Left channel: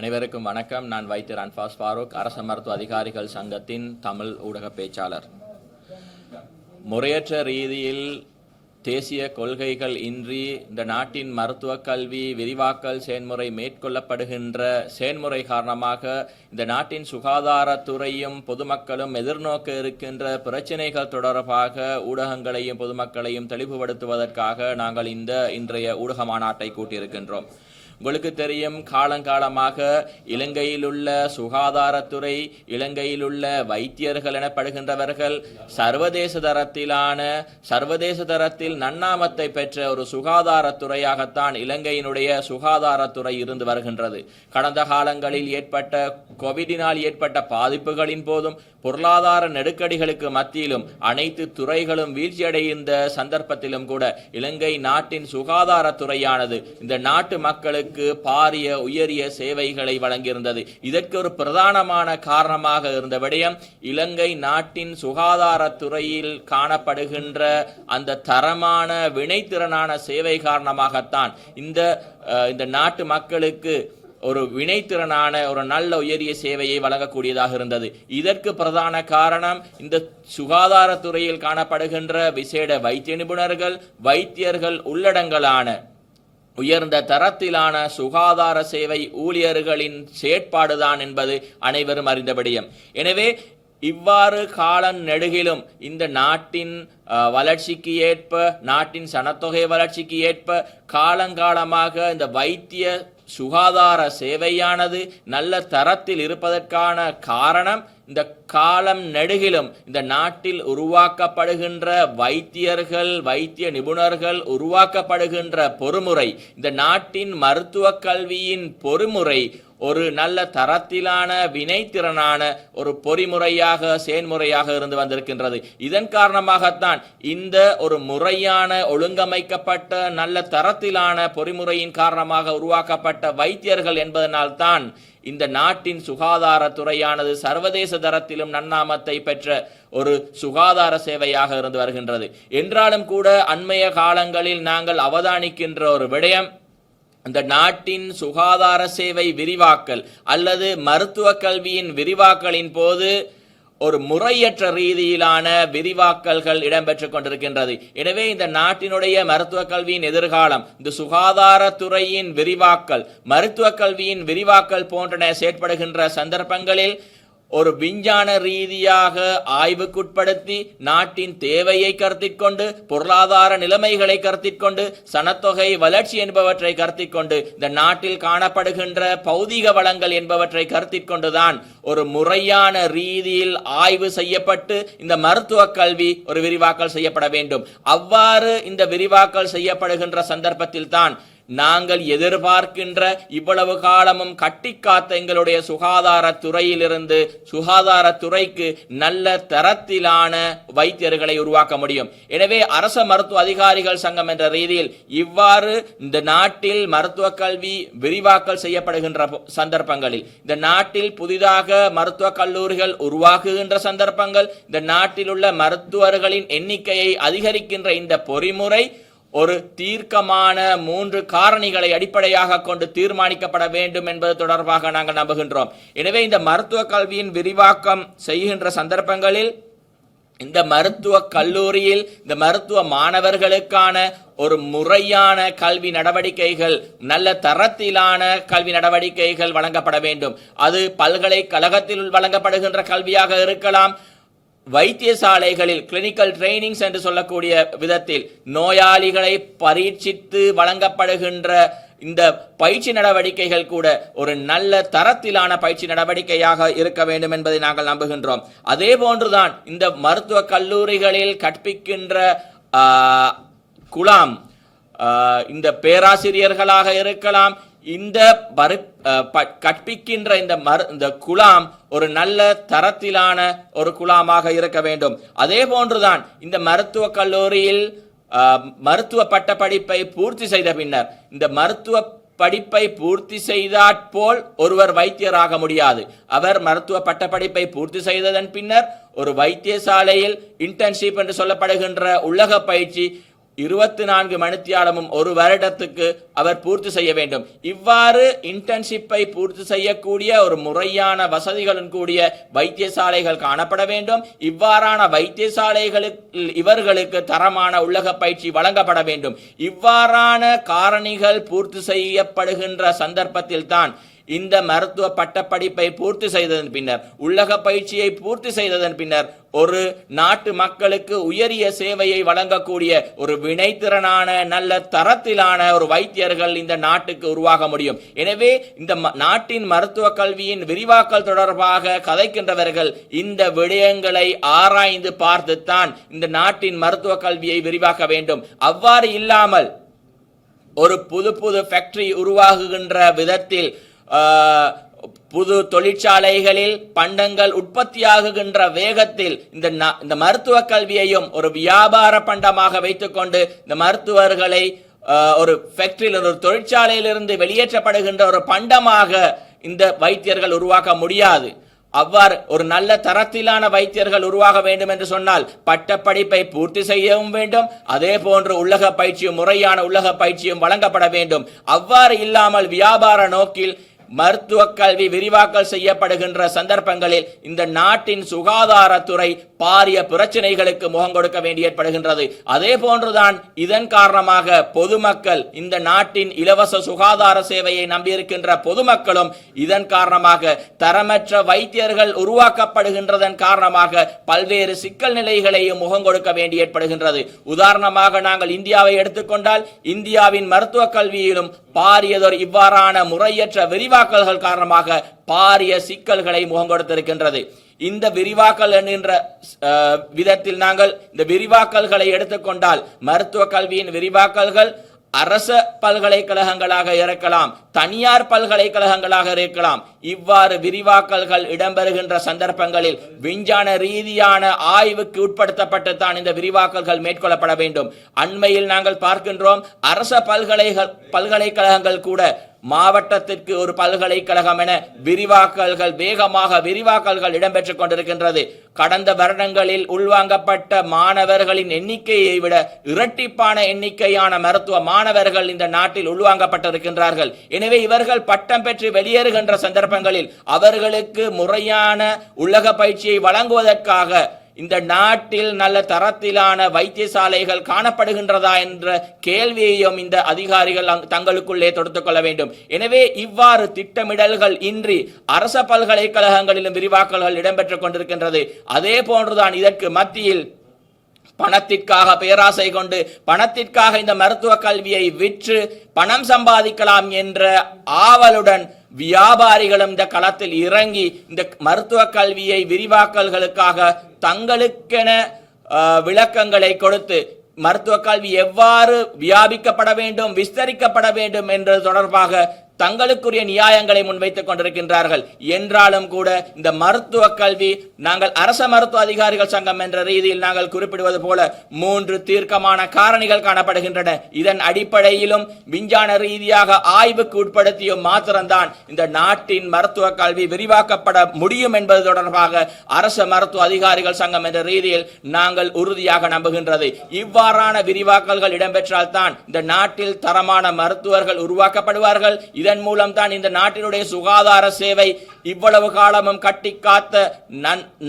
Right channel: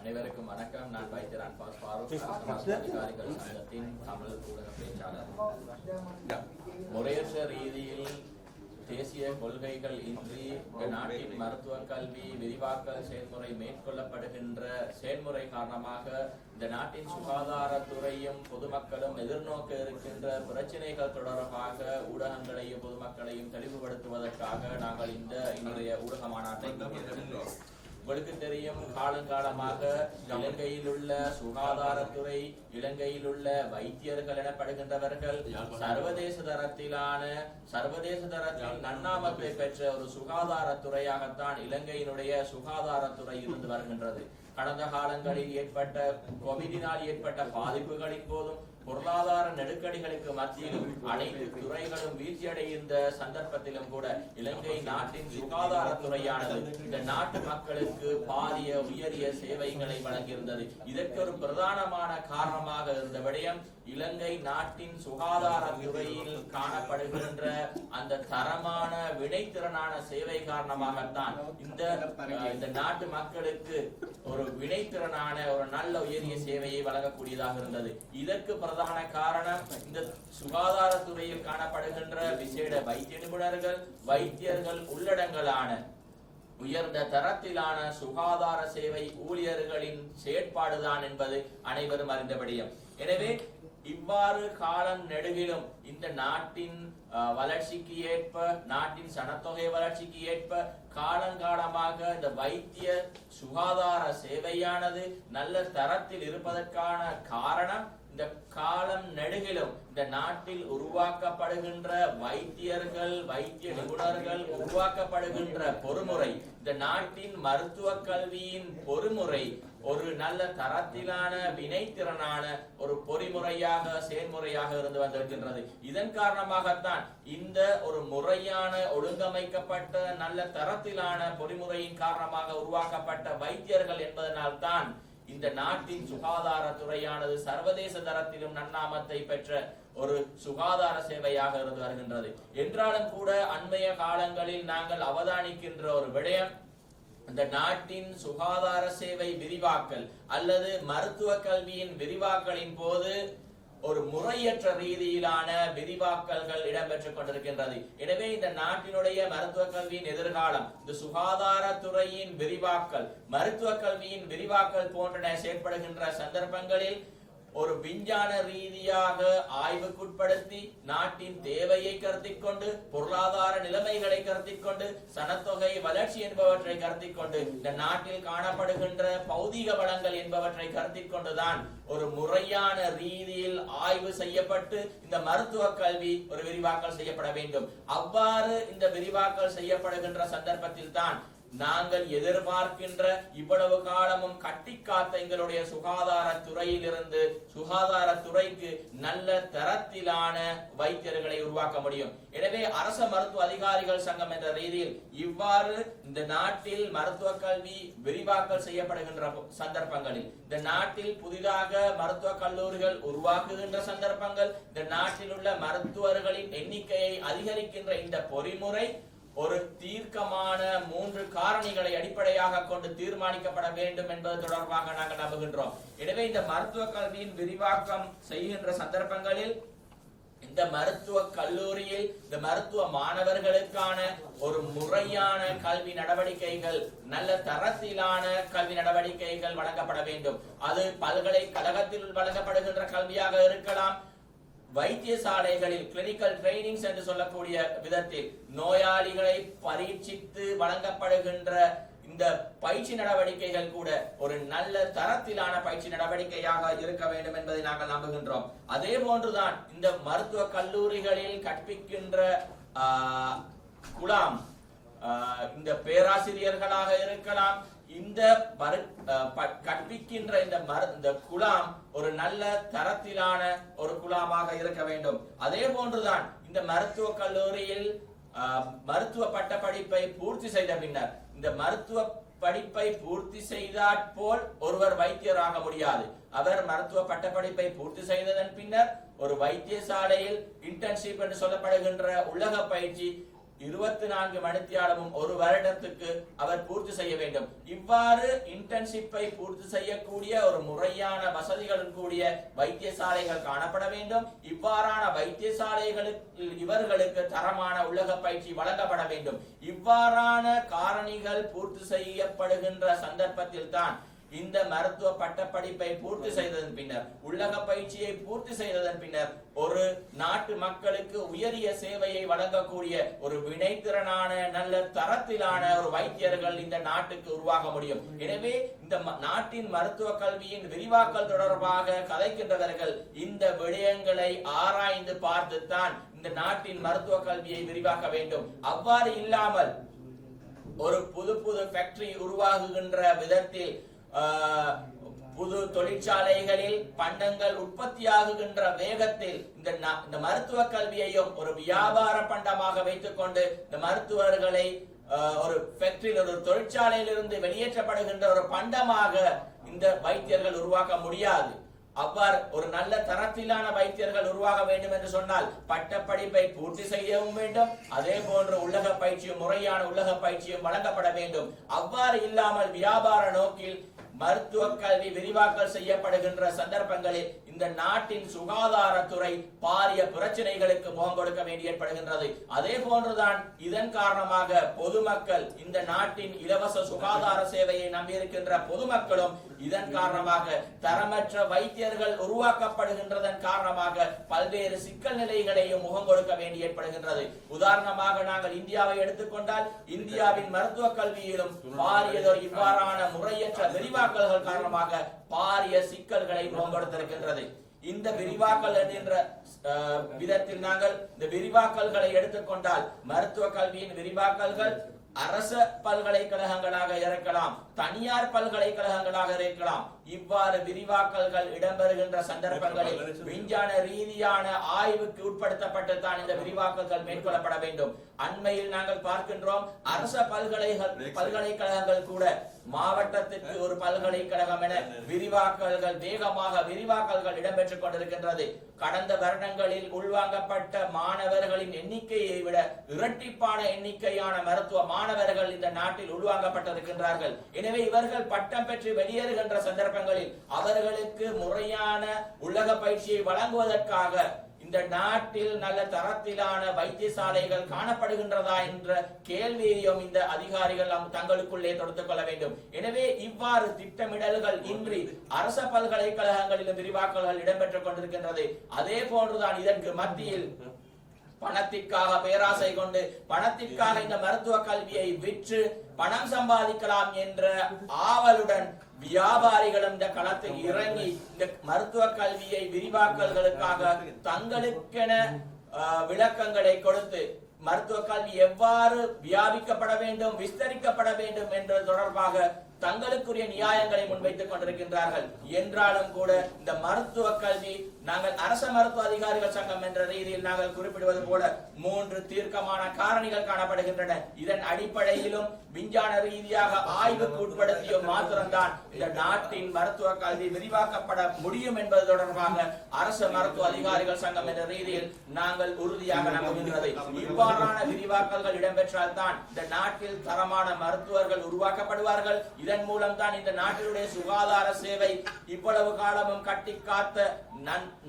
அனைவருக்கும் வணக்கம். நான் வைத்தியர் அன்பாஸ் ஃபாரூக் அரச மருத்துவ அதிகாரிகள் சங்கத்தின் தமிழ் ஊடக பேச்சாளர். முறையற்ற ரீதியில் தேசிய கொள்கைகள் இன்றி இந்த நாட்டின் மருத்துவ கல்வி விரிவாக்கல் செயல்முறை மேற்கொள்ளப்படுகின்ற செயல்முறை காரணமாக இந்த நாட்டின் சுகாதாரத்துறையும் பொதுமக்களும் எதிர்நோக்க இருக்கின்ற பிரச்சினைகள் தொடர்பாக ஊடகங்களையும் பொதுமக்களையும் தெளிவுபடுத்துவதற்காக நாங்கள் இந்த இன்றைய ஊடக மாநாட்டை கூட்டியிருக்கின்றோம். உங்களுக்கு தெரியும் காலங்காலமாக இலங்கையில் உள்ள சுகாதாரத்துறை இலங்கையில் உள்ள வைத்தியர்கள் எனப்படுகின்றவர்கள் சர்வதேச தரத்திலான சர்வதேச தரத்தில் நன்னாமத்தை பெற்ற ஒரு சுகாதாரத்துறையாகத்தான் இலங்கையினுடைய சுகாதாரத்துறை இருந்து வருகின்றது. கடந்த காலங்களில் ஏற்பட்ட கோவிடினால் ஏற்பட்ட பாதிப்புகளின் போதும் பொருளாதார நெருக்கடிகளுக்கு மத்தியிலும் அனைத்து துறைகளும் வீழ்ச்சியடைந்த சந்தர்ப்பத்திலும் கூட இலங்கை நாட்டின் சுகாதாரத்துறையானது இந்த நாட்டு மக்களுக்கு பாரிய உயரிய சேவைகளை வழங்கியிருந்தது. இதற்கு ஒரு பிரதானமான காரணமாக இருந்த விடயம் இலங்கை நாட்டின் சுகாதாரத்துறையில் காணப்படுகின்ற அந்த தரமான வினைத்திறனான சேவை காரணமாகத்தான் இந்த இந்த நாட்டு மக்களுக்கு ஒரு வினைத்திறனான ஒரு நல்ல உயரிய சேவையை வழங்கக்கூடியதாக இருந்தது. இதற்கு பிரதான காரணம் இந்த சுகாதாரத்துறையில் காணப்படுகின்ற விசேட வைத்திய நிபுணர்கள் வைத்தியர்கள் உள்ளடங்கலான உயர்ந்த தரத்திலான சுகாதார சேவை ஊழியர்களின் செயற்பாடுதான் என்பது அனைவரும் அறிந்த விடயம் எனவே இவ்வாறு காலம் நெடுகிலும் இந்த நாட்டின் வளர்ச்சிக்கு ஏற்ப நாட்டின் சனத்தொகை வளர்ச்சிக்கு ஏற்ப காலங்காலமாக இந்த வைத்திய சுகாதார சேவையானது நல்ல தரத்தில் இருப்பதற்கான காரணம் இந்த காலம் நெடுகிலும் இந்த நாட்டில் உருவாக்கப்படுகின்ற வைத்தியர்கள் வைத்திய நிபுணர்கள் உருவாக்கப்படுகின்ற பொறுமுறை இந்த நாட்டின் மருத்துவ கல்வியின் பொறுமுறை ஒரு நல்ல தரத்திலான வினைத்திறனான ஒரு பொறிமுறையாக செயன்முறையாக இருந்து வந்திருக்கின்றது. இதன் காரணமாகத்தான் இந்த ஒரு முறையான ஒழுங்கமைக்கப்பட்ட நல்ல தரத்திலான பொறிமுறையின் காரணமாக உருவாக்கப்பட்ட வைத்தியர்கள் என்பதனால்தான் இந்த நாட்டின் சுகாதாரத்துறையானது சர்வதேச தரத்திலும் நன்னாமத்தை பெற்ற ஒரு சுகாதார சேவையாக இருந்து வருகின்றது. என்றாலும் கூட அண்மைய காலங்களில் நாங்கள் அவதானிக்கின்ற ஒரு விடயம் இந்த நாட்டின் சுகாதார சேவை விரிவாக்கல் அல்லது மருத்துவ கல்வியின் விரிவாக்கலின் போது ஒரு முறையற்ற ரீதியிலான விரிவாக்கல்கள் இடம்பெற்றுக் கொண்டிருக்கின்றது. எனவே இந்த நாட்டினுடைய மருத்துவ கல்வியின் எதிர்காலம் இந்த சுகாதாரத்துறையின் விரிவாக்கல் மருத்துவ கல்வியின் விரிவாக்கல் போன்றன செயற்படுகின்ற சந்தர்ப்பங்களில் ஒரு விஞ்ஞான ரீதியாக ஆய்வுக்குட்படுத்தி நாட்டின் தேவையை கருத்திற்கொண்டு பொருளாதார நிலைமைகளை கருத்திற்கொண்டு சனத்தொகை வளர்ச்சி என்பவற்றை கருத்திக்கொண்டு இந்த நாட்டில் காணப்படுகின்ற பௌதிக வளங்கள் என்பவற்றை கருத்திக்கொண்டுதான் ஒரு முறையான ரீதியில் ஆய்வு செய்யப்பட்டு இந்த மருத்துவ கல்வி ஒரு விரிவாக்கல் செய்யப்பட வேண்டும். அவ்வாறு இந்த விரிவாக்கல் செய்யப்படுகின்ற சந்தர்ப்பத்தில் தான் நாங்கள் எதிர்பார்க்கின்ற இவ்வளவு காலமும் கட்டி காத்த எங்களுடைய சுகாதாரத்துறையிலிருந்து சுகாதாரத்துறைக்கு நல்ல தரத்திலான வைத்தியர்களை உருவாக்க முடியும். எனவே அரச மருத்துவ அதிகாரிகள் சங்கம் என்ற ரீதியில் இவ்வாறு இந்த நாட்டில் மருத்துவ கல்வி விரிவாக்கல் செய்யப்படுகின்ற பொ- சந்தர்ப்பங்களில் இந்த நாட்டில் புதிதாக மருத்துவ கல்லூரிகள் உருவாக்குகின்ற சந்தர்ப்பங்கள் இந்த நாட்டில் உள்ள மருத்துவர்களின் எண்ணிக்கையை அதிகரிக்கின்ற இந்த பொறிமுறை ஒரு தீர்க்கமான மூன்று காரணிகளை அடிப்படையாக கொண்டு தீர்மானிக்கப்பட வேண்டும் என்பது தொடர்பாக நாங்கள் நம்புகின்றோம். எனவே இந்த மருத்துவ கல்வியின் விரிவாக்கம் செய்கின்ற சந்தர்ப்பங்களில் இந்த மருத்துவ கல்லூரியில் இந்த மருத்துவ மாணவர்களுக்கான ஒரு முறையான கல்வி நடவடிக்கைகள் நல்ல தரத்திலான கல்வி நடவடிக்கைகள் வழங்கப்பட வேண்டும். அது பல்கலைக்கழகத்தில் வழங்கப்படுகின்ற கல்வியாக இருக்கலாம் வைத்தியசாலைகளில் கிளினிக்கல் ட்ரைனிங்ஸ் என்று சொல்லக்கூடிய விதத்தில் நோயாளிகளை பரீட்சித்து வழங்கப்படுகின்ற இந்த பயிற்சி நடவடிக்கைகள் கூட ஒரு நல்ல தரத்திலான பயிற்சி நடவடிக்கையாக இருக்க வேண்டும் என்பதை நாங்கள் நம்புகின்றோம். அதே போன்றுதான் இந்த மருத்துவ கல்லூரிகளில் கற்பிக்கின்ற குலாம் இந்த பேராசிரியர்களாக இருக்கலாம் இந்த பரு ப- கற்பிக்கின்ற இந்த மரு இந்த குலாம் ஒரு நல்ல தரத்திலான ஒரு குலாமாக இருக்க வேண்டும். அதே போன்றுதான் இந்த மருத்துவ கல்லூரியில் மருத்துவ பட்ட படிப்பை பூர்த்தி செய்த பின்னர் இந்த மருத்துவ படிப்பை பூர்த்தி செய்தாற்போல் ஒருவர் வைத்தியராக முடியாது. அவர் மருத்துவ பட்ட படிப்பை பூர்த்தி செய்ததன் பின்னர் ஒரு வைத்தியசாலையில் இன்டர்ன்ஷிப் என்று சொல்லப்படுகின்ற உள்ளக பயிற்சி இருபத்தி நான்கு மணித்தியாலமும் ஒரு வருடத்துக்கு அவர் பூர்த்தி செய்ய வேண்டும். இவ்வாறு இன்டர்ன்ஷிப்பை பூர்த்தி செய்யக்கூடிய ஒரு முறையான வசதிகளுடன் கூடிய வைத்தியசாலைகள் காணப்பட வேண்டும். இவ்வாறான வைத்தியசாலைகளுக்கு இவர்களுக்கு தரமான உள்ளக பயிற்சி வழங்கப்பட வேண்டும். இவ்வாறான காரணிகள் பூர்த்தி செய்யப்படுகின்ற சந்தர்ப்பத்தில் தான் இந்த மருத்துவ பட்டப்படிப்பை பூர்த்தி செய்ததன் பின்னர் உள்ளக பயிற்சியை பூர்த்தி செய்ததன் பின்னர் ஒரு நாட்டு மக்களுக்கு உயரிய சேவையை வழங்கக்கூடிய ஒரு வினைத்திறனான நல்ல தரத்திலான ஒரு வைத்தியர்கள் இந்த நாட்டுக்கு உருவாக முடியும். எனவே இந்த ம- நாட்டின் மருத்துவ கல்வியின் விரிவாக்கல் தொடர்பாக கதைக்கின்றவர்கள் இந்த விடயங்களை ஆராய்ந்து பார்த்துத்தான் இந்த நாட்டின் மருத்துவ கல்வியை விரிவாக்க வேண்டும். அவ்வாறு இல்லாமல் ஒரு புது புது ஃபேக்டரி உருவாகுகின்ற விதத்தில் புது தொழிற்சாலைகளில் பண்டங்கள் உற்பத்தியாகுகின்ற வேகத்தில் இந்த இந்த மருத்துவ கல்வியையும் ஒரு வியாபார பண்டமாக வைத்துக்கொண்டு இந்த மருத்துவர்களை ஒரு ஃபேக்டரியில் ஒரு தொழிற்சாலையிலிருந்து வெளியேற்றப்படுகின்ற ஒரு பண்டமாக இந்த வைத்தியர்கள் உருவாக்க முடியாது. அவ்வாறு ஒரு நல்ல தரத்திலான வைத்தியர்கள் உருவாக வேண்டும் என்று சொன்னால் பட்டப்படிப்பை பூர்த்தி செய்யவும் வேண்டும். அதே போன்று உள்ளக பயிற்சியும் முறையான உள்ளக பயிற்சியும் வழங்கப்பட வேண்டும். அவ்வாறு இல்லாமல் வியாபார நோக்கில் மருத்துவ கல்வி விரிவாக்கல் செய்யப்படுகின்ற சந்தர்ப்பங்களில் இந்த நாட்டின் சுகாதாரத்துறை பாரிய பிரச்சனைகளுக்கு முகம் கொடுக்க வேண்டி ஏற்படுகின்றது. அதே போன்றுதான் இதன் காரணமாக பொதுமக்கள் இந்த நாட்டின் இலவச சுகாதார சேவையை நம்பியிருக்கின்ற பொதுமக்களும் இதன் காரணமாக தரமற்ற வைத்தியர்கள் உருவாக்கப்படுகின்றதன் காரணமாக பல்வேறு சிக்கல் நிலைகளையும் முகம் கொடுக்க வேண்டி ஏற்படுகின்றது. உதாரணமாக நாங்கள் இந்தியாவை எடுத்துக்கொண்டால் இந்தியாவின் மருத்துவ கல்வியிலும் பாரியதொரு இவ்வாறான முறையற்ற விரிவாக்கல்கள் காரணமாக பாரிய சிக்கல்களை முகம் கொடுத்திருக்கின்றது. இந்த விரிவாக்கல் என்கின்ற விதத்தில் நாங்கள் இந்த விரிவாக்கல்களை எடுத்துக்கொண்டால் மருத்துவ கல்வியின் விரிவாக்கல்கள் அரச பல்கலைக்கழகங்களாக இருக்கலாம் தனியார் பல்கலைக்கழகங்களாக இருக்கலாம். இவ்வாறு விரிவாக்கல்கள் இடம்பெறுகின்ற சந்தர்ப்பங்களில் விஞ்ஞான ரீதியான ஆய்வுக்கு உட்படுத்தப்பட்டு தான் இந்த விரிவாக்கல்கள் மேற்கொள்ளப்பட வேண்டும். அண்மையில் நாங்கள் பார்க்கின்றோம் அரச பல்கலைகள் பல்கலைக்கழகங்கள் கூட மாவட்டத்திற்கு ஒரு பல்கலைக்கழகம் என விரிவாக்கல்கள் வேகமாக விரிவாக்கல்கள் இடம்பெற்றுக் கொண்டிருக்கின்றது. கடந்த வருடங்களில் உள்வாங்கப்பட்ட மாணவர்களின் எண்ணிக்கையை விட இரட்டிப்பான எண்ணிக்கையான மருத்துவ மாணவர்கள் இந்த நாட்டில் உள்வாங்கப்பட்டிருக்கின்றார்கள். எனவே இவர்கள் பட்டம் பெற்று வெளியேறுகின்ற சந்தர்ப்பங்களில் அவர்களுக்கு முறையான உலக பயிற்சியை வழங்குவதற்காக இந்த நாட்டில் நல்ல தரத்திலான வைத்தியசாலைகள் காணப்படுகின்றதா என்ற கேள்வியையும் இந்த அதிகாரிகள் தங்களுக்குள்ளே தொடுத்துக் கொள்ள வேண்டும். எனவே இவ்வாறு திட்டமிடல்கள் இன்றி அரச பல்கலைக்கழகங்களிலும் விரிவாக்கல்கள் இடம்பெற்றுக் கொண்டிருக்கின்றது. அதே போன்றுதான் இதற்கு மத்தியில் பணத்திற்காக பேராசை கொண்டு பணத்திற்காக இந்த மருத்துவ கல்வியை விற்று பணம் சம்பாதிக்கலாம் என்ற ஆவலுடன் வியாபாரிகளும் இந்த களத்தில் இறங்கி இந்த மருத்துவ கல்வியை விரிவாக்கல்களுக்காக தங்களுக்கென விளக்கங்களை கொடுத்து மருத்துவ கல்வி எவ்வாறு வியாபிக்கப்பட வேண்டும் விஸ்தரிக்கப்பட வேண்டும் என்ற தொடர்பாக தங்களுக்குரிய நியாயங்களை முன்வைத்துக் கொண்டிருக்கின்றார்கள். என்றாலும் கூட இந்த மருத்துவ கல்வி நாங்கள் அரச மருத்துவ அதிகாரிகள் சங்கம் என்ற ரீதியில் நாங்கள் குறிப்பிடுவது போல மூன்று தீர்க்கமான காரணிகள் காணப்படுகின்றன. இதன் அடிப்படையிலும் விஞ்ஞான ரீதியாக ஆய்வுக்கு உட்படுத்திய மாத்திரம்தான் இந்த நாட்டின் மருத்துவ கல்வி விரிவாக்கப்பட முடியும் என்பது தொடர்பாக அரச மருத்துவ அதிகாரிகள் சங்கம் என்ற ரீதியில் நாங்கள் உறுதியாக நம்புகின்றது. இவ்வாறான விரிவாக்கல்கள் இடம்பெற்றால் தான் இந்த நாட்டில் தரமான மருத்துவர்கள் உருவாக்கப்படுவார்கள். இதன் மூலம் தான் இந்த நாட்டினுடைய சுகாதார சேவை இவ்வளவு காலமும் கட்டி காத்த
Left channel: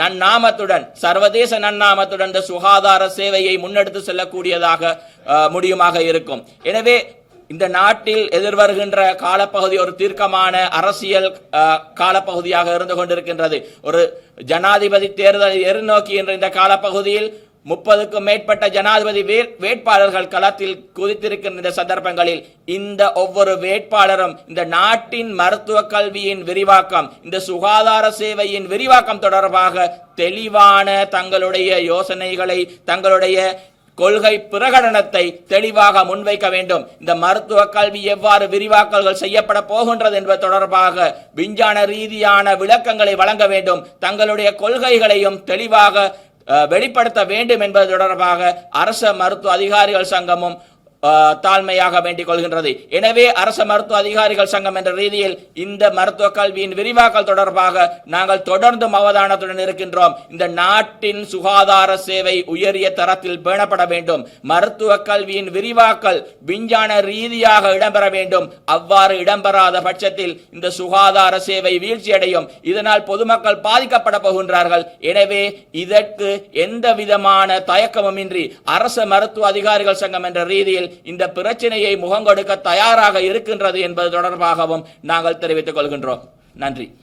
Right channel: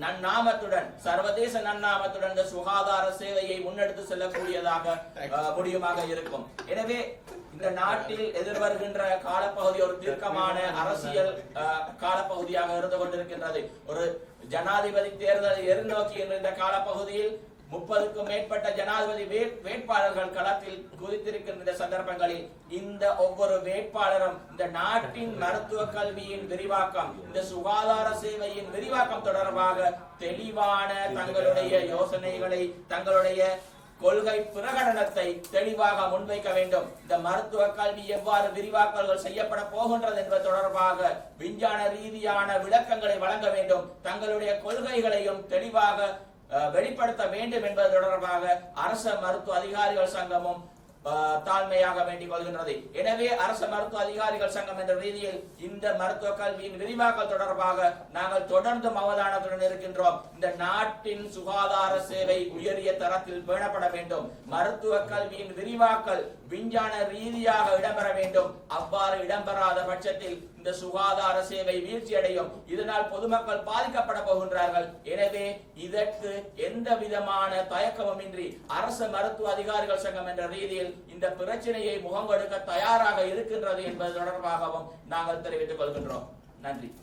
நன்னாமத்துடன் சர்வதேச நன்னாமத்துடன் இந்த சுகாதார சேவையை முன்னெடுத்து செல்லக்கூடியதாக முடியுமாக இருக்கும். எனவே இந்த நாட்டில் எதிர்வருகின்ற காலப்பகுதி ஒரு தீர்க்கமான அரசியல் காலப்பகுதியாக இருந்து கொண்டிருக்கின்றது. ஒரு ஜனாதிபதி தேர்தலை எதிர்நோக்கி என்ற இந்த காலப்பகுதியில் முப்பதுக்கும் மேற்பட்ட ஜனாதிபதி வே- வேட்பாளர்கள் களத்தில் குதித்திருக்கின்ற இந்த சந்தர்ப்பங்களில் இந்த ஒவ்வொரு வேட்பாளரும் இந்த நாட்டின் மருத்துவ கல்வியின் விரிவாக்கம் இந்த சுகாதார சேவையின் விரிவாக்கம் தொடர்பாக தெளிவான தங்களுடைய யோசனைகளை தங்களுடைய கொள்கை பிரகடனத்தை தெளிவாக முன்வைக்க வேண்டும். இந்த மருத்துவ கல்வி எவ்வாறு விரிவாக்கல்கள் செய்யப்பட போகின்றது என்பது தொடர்பாக விஞ்ஞான ரீதியான விளக்கங்களை வழங்க வேண்டும். தங்களுடைய கொள்கைகளையும் தெளிவாக வெளிப்படுத்த வேண்டும் என்பது தொடர்பாக அரச மருத்துவ அதிகாரிகள் சங்கமும் தாழ்மையாக வேண்டிக் கொள்கின்றது. எனவே அரச மருத்துவ அதிகாரிகள் சங்கம் என்ற ரீதியில் இந்த மருத்துவ கல்வியின் விரிவாக்கல் தொடர்பாக நாங்கள் தொடர்ந்தும் அவதானத்துடன் இருக்கின்றோம். இந்த நாட்டின் சுகாதார சேவை உயரிய தரத்தில் பேணப்பட வேண்டும். மருத்துவ கல்வியின் விரிவாக்கல் விஞ்ஞான ரீதியாக இடம்பெற வேண்டும். அவ்வாறு இடம்பெறாத பட்சத்தில் இந்த சுகாதார சேவை வீழ்ச்சியடையும். இதனால் பொதுமக்கள் பாதிக்கப்பட போகின்றார்கள். எனவே இதற்கு எந்த விதமான தயக்கமுமின்றி அரச மருத்துவ அதிகாரிகள் சங்கம் என்ற ரீதியில் இந்த பிரச்சனையை முகங்கொடுக்க தயாராக இருக்கின்றது என்பது தொடர்பாகவும் நாங்கள் தெரிவித்துக் கொள்கின்றோம். நன்றி.